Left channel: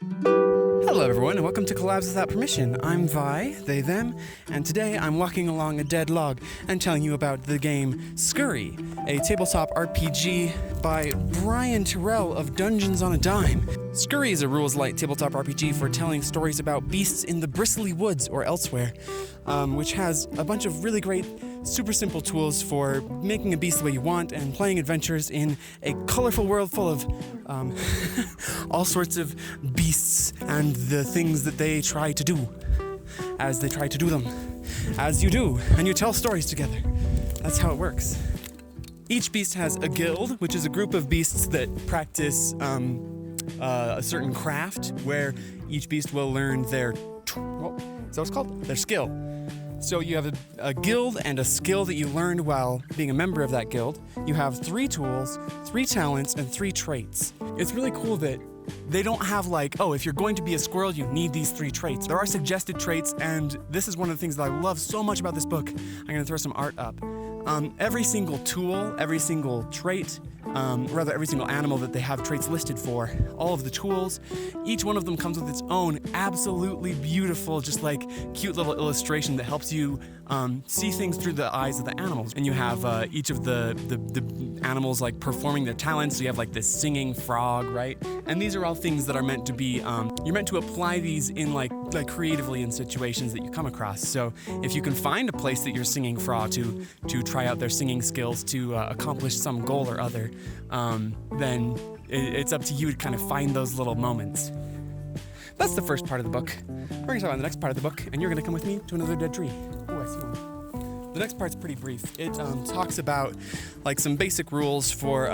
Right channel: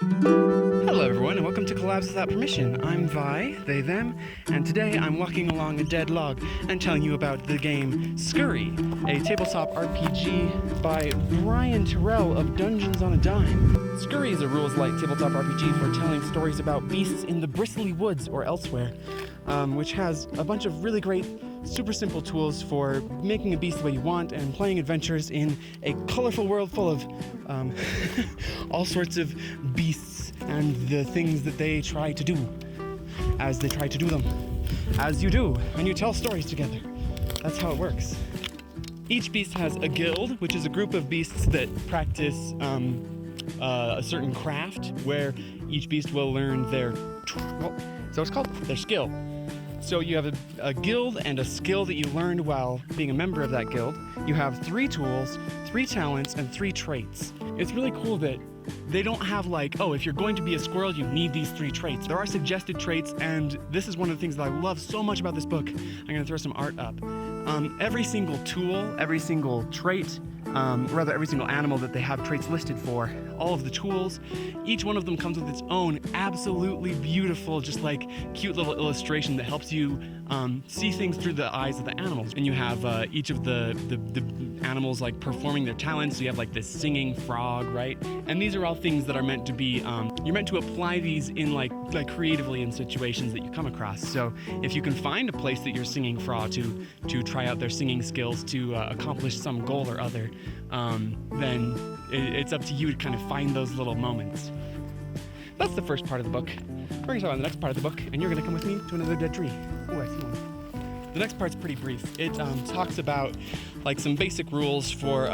Hello everyone, and welcome to Collabs Without Permission. I'm Vi, they, them, and today I'm walking along a dead log and telling you about the game Scurry, a tabletop RPG by Brian Terrell of Dungeons on a Dime. Scurry is a rules-light tabletop RPG for telling stories about beasts in the bristly woods or elsewhere, which has a bunch of really great, super simple tools for making a beast the way you want and playing adventures in a colorful world full of all sorts of beasts and the things that they try to do as they try to do them, as you do, and you tell stories together. That's how it works. Each beast has a guild, which is a group of beasts that practice a certain craft, where each beast will learn their, is that what it's called? Their skill. So you have a guild and a skill that you learned while being a member of that guild. You have 3 tools, 3 talents, and 3 traits. It's really cool that they don't have like, oh, if you're going to be a squirrel, you need these 3 traits. There are suggested traits, and this is one of the things that I love so much about this book. I'm gonna throw some art up. Every single tool, every single trait, rather every single animal that they have traits listed for, all of the tools, each one of them comes with its own absolutely beautiful, just like cute little illustration that helps you see things through the eyes of the animals. And you have each of the animals like performing their talents. So you have like this singing frog, right? And these are all things that are meant to be, you're meant to apply these in like creatively in situations that you come across. So if you can find a place that you're singing frog to try out their singing skills to accomplish some goal or other, then it's up to you to kind of find those little moments. That's the first part of the book. We're going to talk about the next part of the book, and you're going to come with me to another dead tree. Oh, I see one. The next part's pretty brief. It talks about like some basic rules for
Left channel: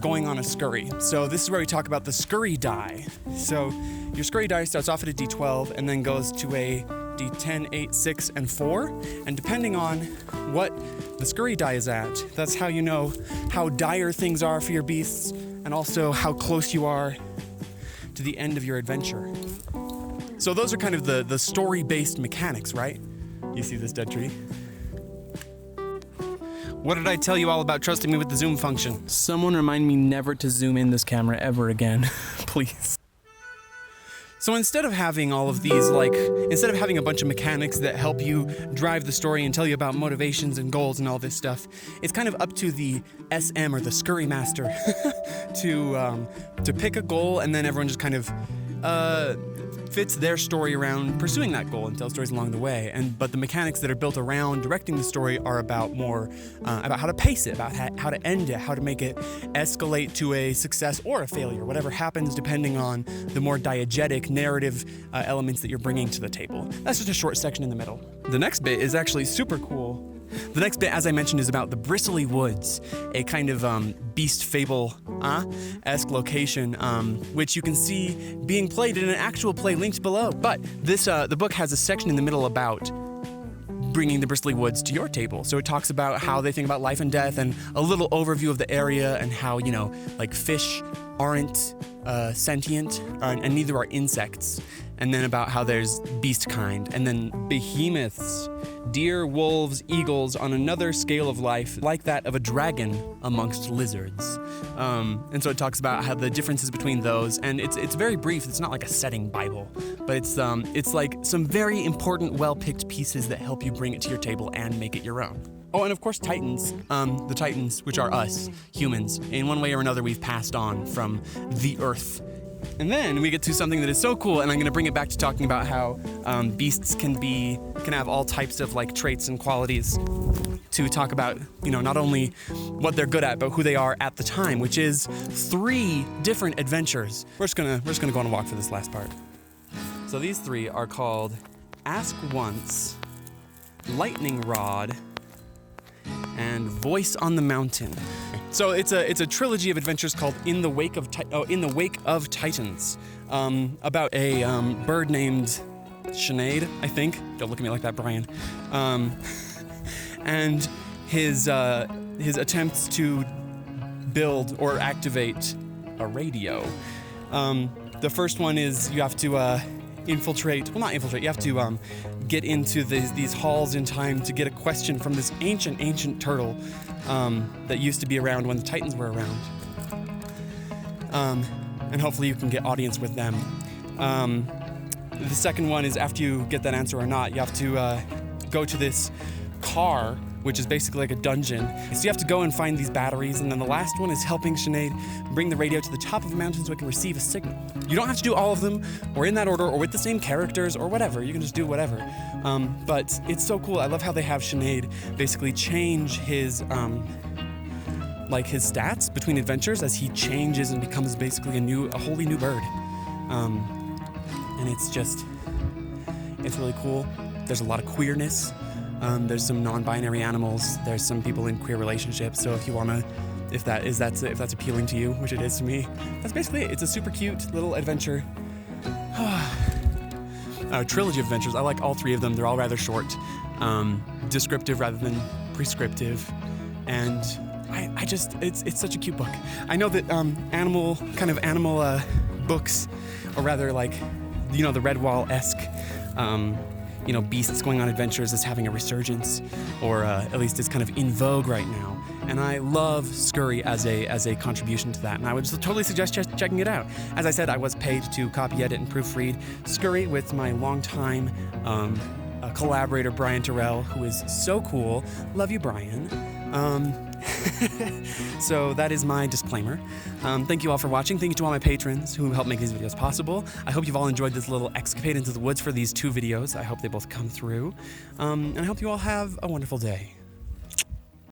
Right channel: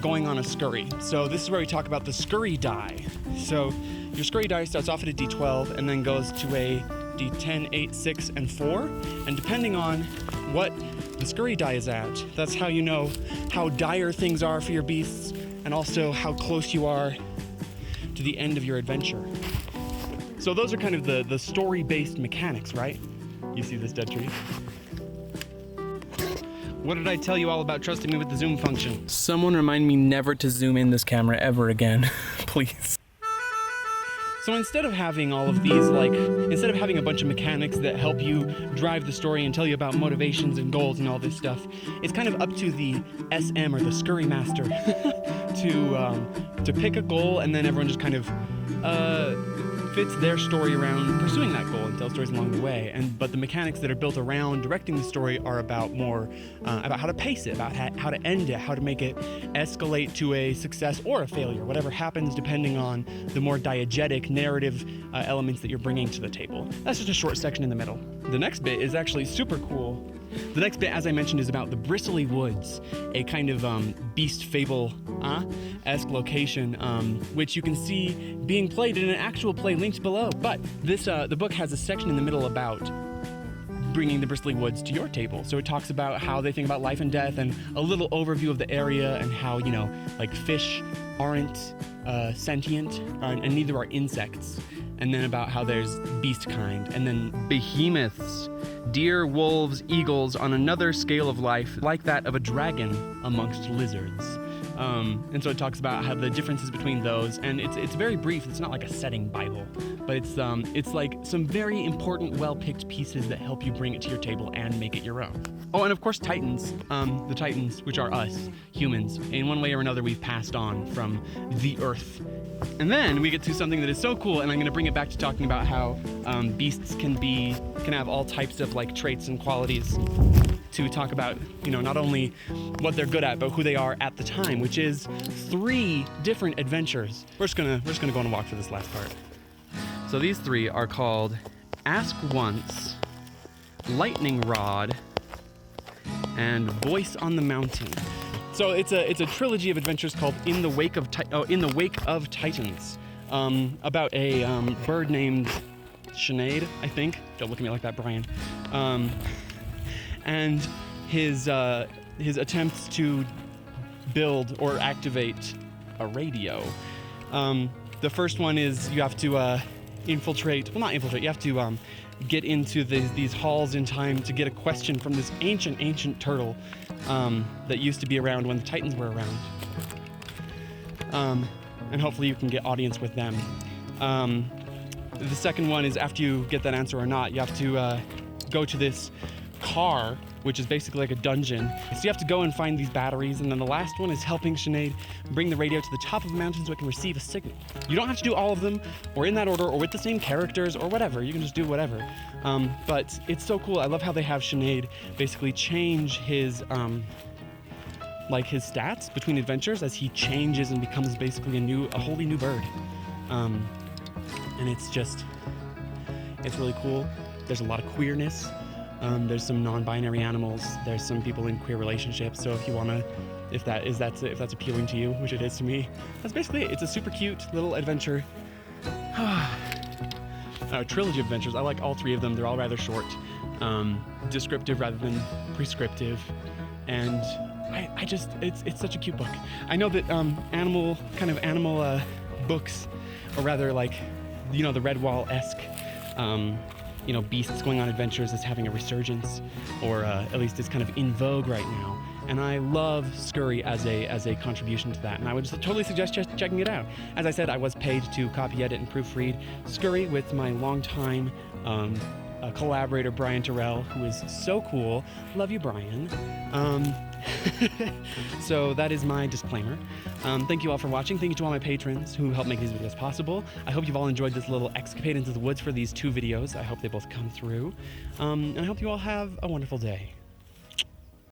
going on a scurry. So this is where we talk about the scurry die. So your scurry die starts off at a D12 and then goes to a D10, 8, 6, and 4. And depending on what the scurry die is at, that's how you know how dire things are for your beasts and also how close you are to the end of your adventure. So those are kind of the story-based mechanics, right? You see this dead tree? What did I tell you all about trusting me with the zoom function? Someone remind me never to zoom in this camera ever again, please. So instead of having all of these, instead of having a bunch of mechanics that help you drive the story and tell you about motivations and goals and all this stuff, it's kind of up to the SM or the Scurry Master to pick a goal, and then everyone just kind of fits their story around pursuing that goal and tell stories along the way. But the mechanics that are built around directing the story are about more about how to pace it, about how to end it, how to make it escalate to a success or a failure, whatever happens depending on the more diegetic narrative elements that you're bringing to the table. That's just a short section in the middle. The next bit is actually super cool. The next bit, as I mentioned, is about the bristly woods, a kind of beast fable-esque location, which you can see being played in an actual play linked below. But this, the book has a section in the middle about bringing the bristly woods to your table. So it talks about how they think about life and death and a little overview of the area and how, you know, like fish aren't sentient and neither are insects. And then about how there's beast kind, and then behemoths, deer, wolves, eagles on another scale of life, like that of a dragon amongst lizards. And so it talks about how the differences between those, and it's very brief. It's not like a setting Bible, but it's like some very important, well-picked pieces that help you bring it to your table and make it your own. Oh, and of course Titans, the Titans, which are us, humans. In one way or another, we've passed on from the earth. And then we get to something that is so cool, and I'm going to bring it back to talking about how beasts can have all types of like traits and qualities to talk about, you know, not only what they're good at, but who they are at the time, which is 3 different adventures. We're just gonna go on a walk for this last part. So these 3 are called Ask Once, Lightning Rod, and Voice on the Mountain. So it's a trilogy of adventures called In the Wake of Titans, about a bird named Sinead, I think. Don't look at me like that, Brian. And his attempts to build or activate a radio. The first one is you have to infiltrate. Well, not infiltrate. You have to get into these halls in time to get a question from this ancient turtle that used to be around when the Titans were around. and hopefully you can get audience with them. The second one is after you get that answer or not, you have to go to this car, which is basically like a dungeon. So you have to go and find these batteries, and then the last one is helping Sinead bring the radio to the top of the mountain so it can receive a signal. You don't have to do all of them, or in that order, or with the same characters, or whatever. You can just do whatever. But it's so cool. I love how they have Sinead basically change his his stats between adventures as he changes and becomes basically a wholly new bird. And it's really cool. There's a lot of queerness. There's some non-binary animals. There's some people in queer relationships. So if you wanna, if that's appealing to you, which it is to me, that's basically it. It's a super cute little adventure. Trilogy of adventures. I like all three of them. They're all rather short, descriptive rather than prescriptive, and it's such a cute book. I know that animal books, or rather like, the Redwall-esque, beasts going on adventures is having a resurgence, or at least it's kind of in vogue right now. And I love Scurry as a contribution to that, and I would totally suggest just checking it out. As I said, I was paid to copy, edit, and proofread Scurry with my longtime collaborator Brian Terrell, who is so cool. Love you, Brian. So that is my disclaimer. Thank you all for watching. Thank you to all my patrons who help make these videos possible. I hope you've all enjoyed this little escapade into the woods for these 2 videos. I hope they both come through. And I hope you all have a wonderful day.